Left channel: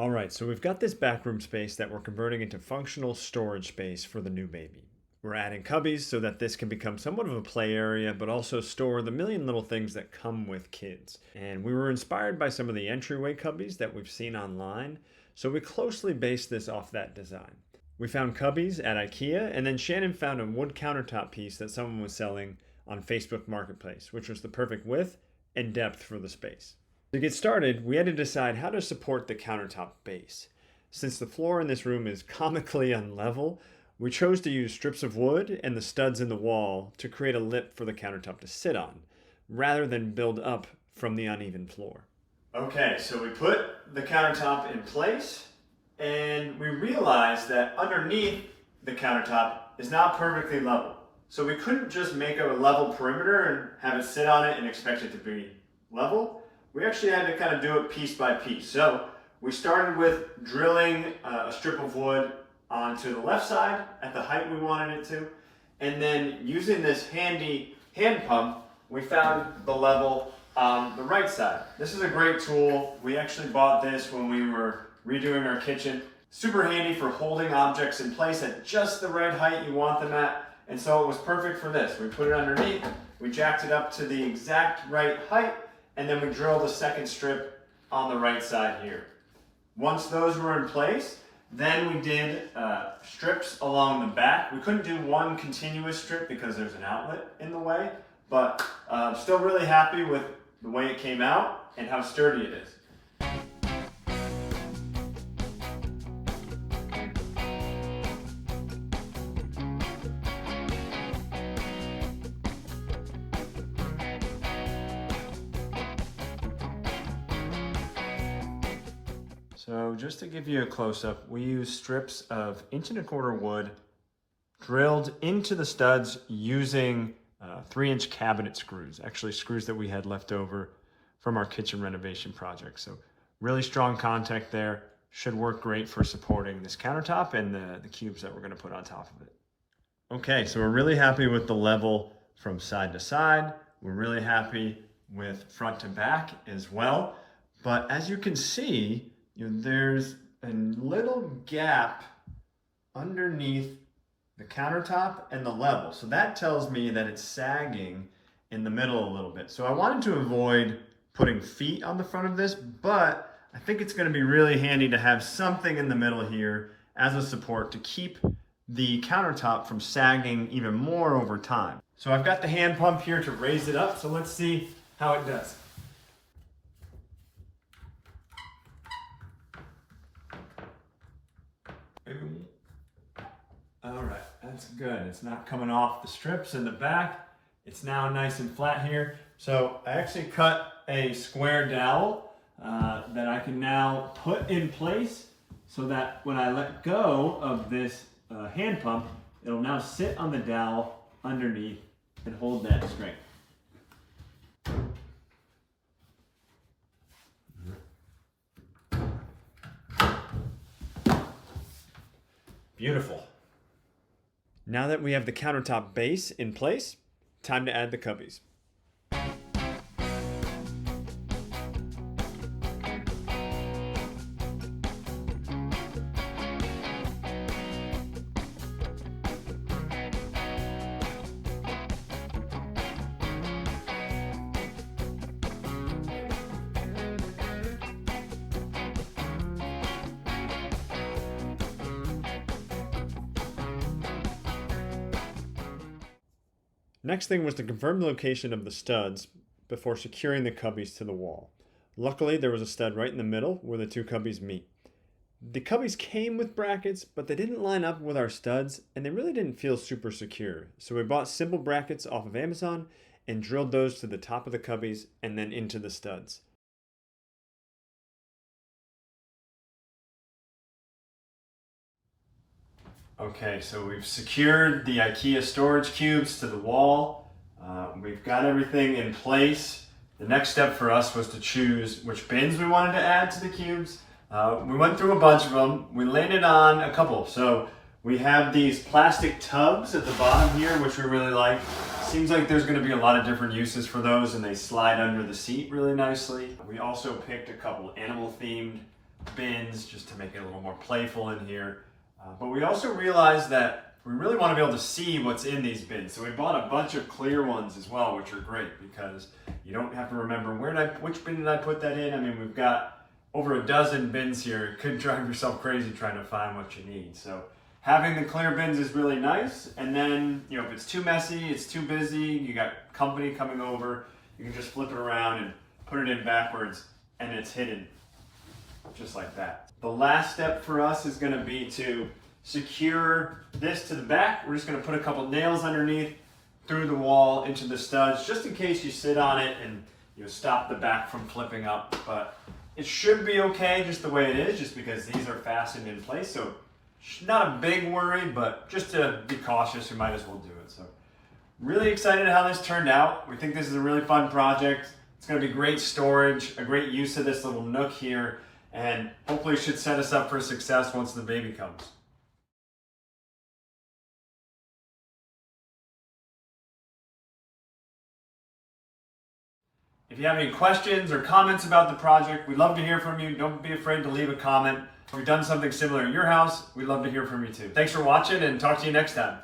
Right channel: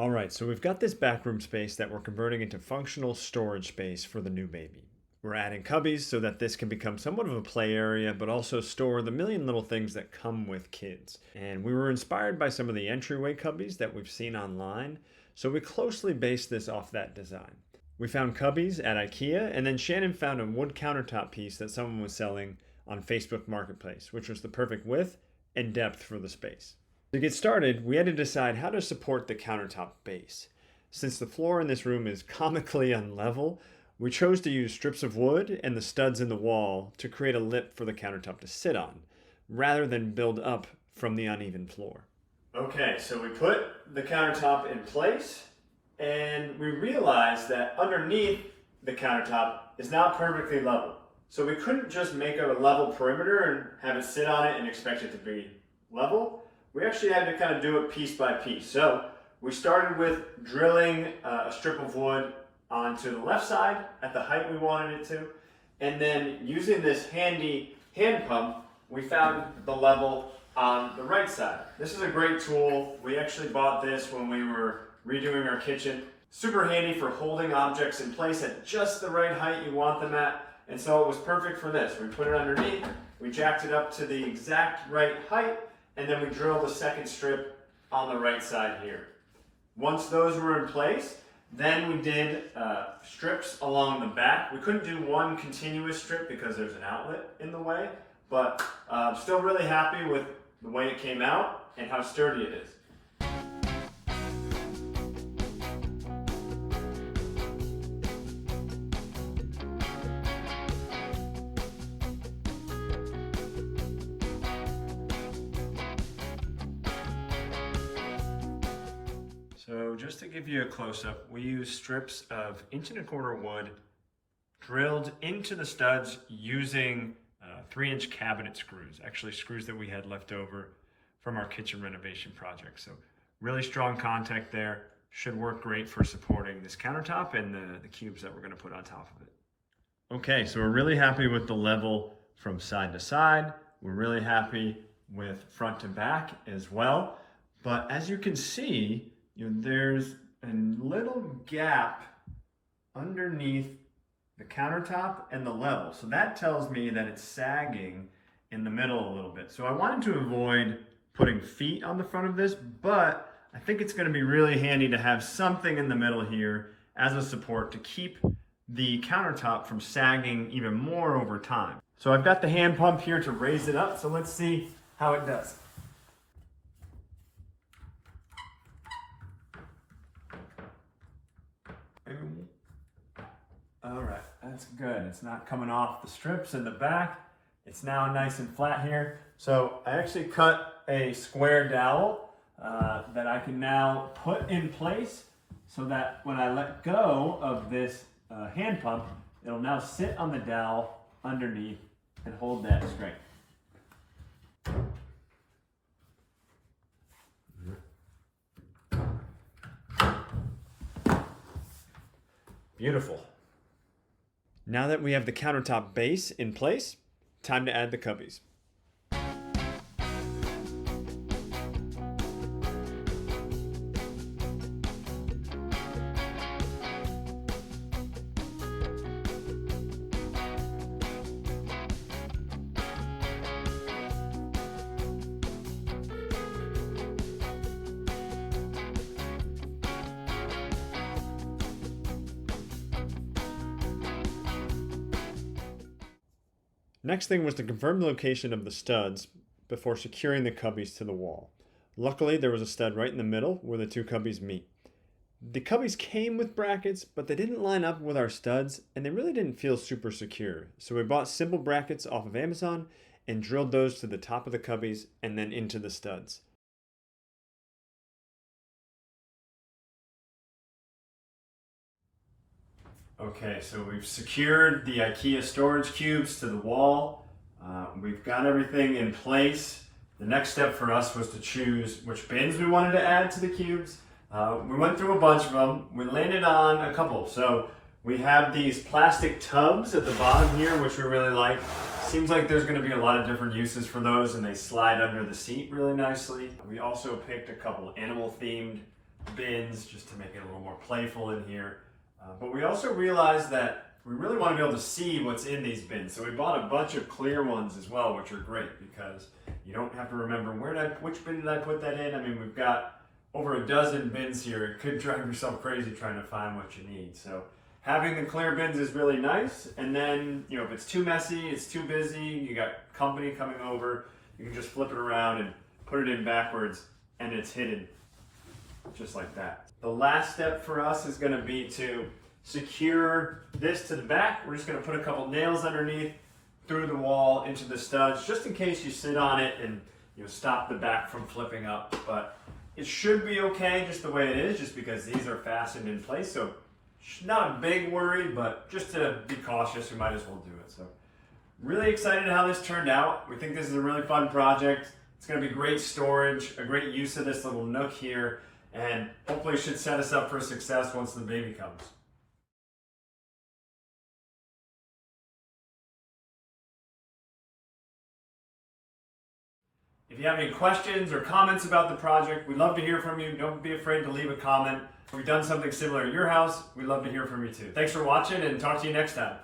All right, so we've got this backroom space that we're converting into functional storage space for the new baby. We're adding cubbies so that this can become somewhat of a play area, but also store the million little things that come with kids. And we were inspired by some of the entryway cubbies that we've seen online, so we closely based this off that design. We found cubbies at IKEA, and then Shannon found a wood countertop piece that someone was selling on Facebook Marketplace, which was the perfect width and depth for the space. To get started, we had to decide how to support the countertop base. Since the floor in this room is comically unlevel, we chose to use strips of wood and the studs in the wall to create a lip for the countertop to sit on, rather than build up from the uneven floor. Okay, so we put the countertop in place, and we realized that underneath the countertop is not perfectly level. So we couldn't just make a level perimeter and have it sit on it and expect it to be level. We actually had to kind of do it piece by piece. So we started with drilling a strip of wood onto the left side at the height we wanted it to. And then using this handy hand pump, we found the level on the right side. This is a great tool. We actually bought this when we were redoing our kitchen. Super handy for holding objects in place at just the right height you want them at. And so it was perfect for this. We put it underneath, we jacked it up to the exact right height, and then we drilled a second strip on the right side here. Once those were in place, then we did strips along the back. We couldn't do one continuous strip because there's an outlet in the way, but I'm still really happy with the way it came out and how sturdy it is. So just to give you a close-up, we use strips of 1.25 inch wood drilled into the studs using 3-inch cabinet screws, actually screws that we had left over from our kitchen renovation project. So really strong contact there, should work great for supporting this countertop and the cubes that we're gonna put on top of it. Okay, so we're really happy with the level from side to side. We're really happy with front to back as well. But as you can see, there's a little gap underneath the countertop and the level. So that tells me that it's sagging in the middle a little bit. So I wanted to avoid putting feet on the front of this, but I think it's gonna be really handy to have something in the middle here as a support to keep the countertop from sagging even more over time. So I've got the hand pump here to raise it up, so let's see how it does. All right, that's good. It's not coming off the strips in the back. It's now nice and flat here. So I actually cut a square dowel that I can now put in place so that when I let go of this hand pump, it'll now sit on the dowel underneath and hold that strength. Beautiful. Now that we have the countertop base in place, time to add the cubbies. Next thing was to confirm the location of the studs before securing the cubbies to the wall. Luckily, there was a stud right in the middle where the two cubbies meet. The cubbies came with brackets, but they didn't line up with our studs, and they really didn't feel super secure. So we bought simple brackets off of Amazon and drilled those to the top of the cubbies and then into the studs. Okay, so we've secured the IKEA storage cubes to the wall. We've got everything in place. The next step for us was to choose which bins we wanted to add to the cubes. We went through a bunch of them. We landed on a couple. So we have these plastic tubs at the bottom here, which we really like. Seems like there's gonna be a lot of different uses for those, and they slide under the seat really nicely. We also picked a couple animal themed bins just to make it a little more playful in here. But we also realized that we really want to be able to see what's in these bins. So we bought a bunch of clear ones as well, which are great because you don't have to remember which bin did I put that in. I mean, we've got over a dozen bins here. It could drive yourself crazy trying to find what you need. So having the clear bins is really nice. And then, if it's too messy, it's too busy, you got company coming over, you can just flip it around and put it in backwards and it's hidden just like that. The last step for us is going to be to secure this to the back. We're just going to put a couple nails underneath through the wall into the studs just in case you sit on it and stop the back from flipping up. But it should be okay just the way it is, just because these are fastened in place. So not a big worry, but just to be cautious, we might as well do it. So really excited how this turned out. We think this is a really fun project. It's going to be great storage, a great use of this little nook here, and hopefully should set us up for success once the baby comes. If you have any questions or comments about the project, we'd love to hear from you. Don't be afraid to leave a comment. If we've done something similar in your house, we'd love to hear from you too. Thanks for watching, and talk to you next time.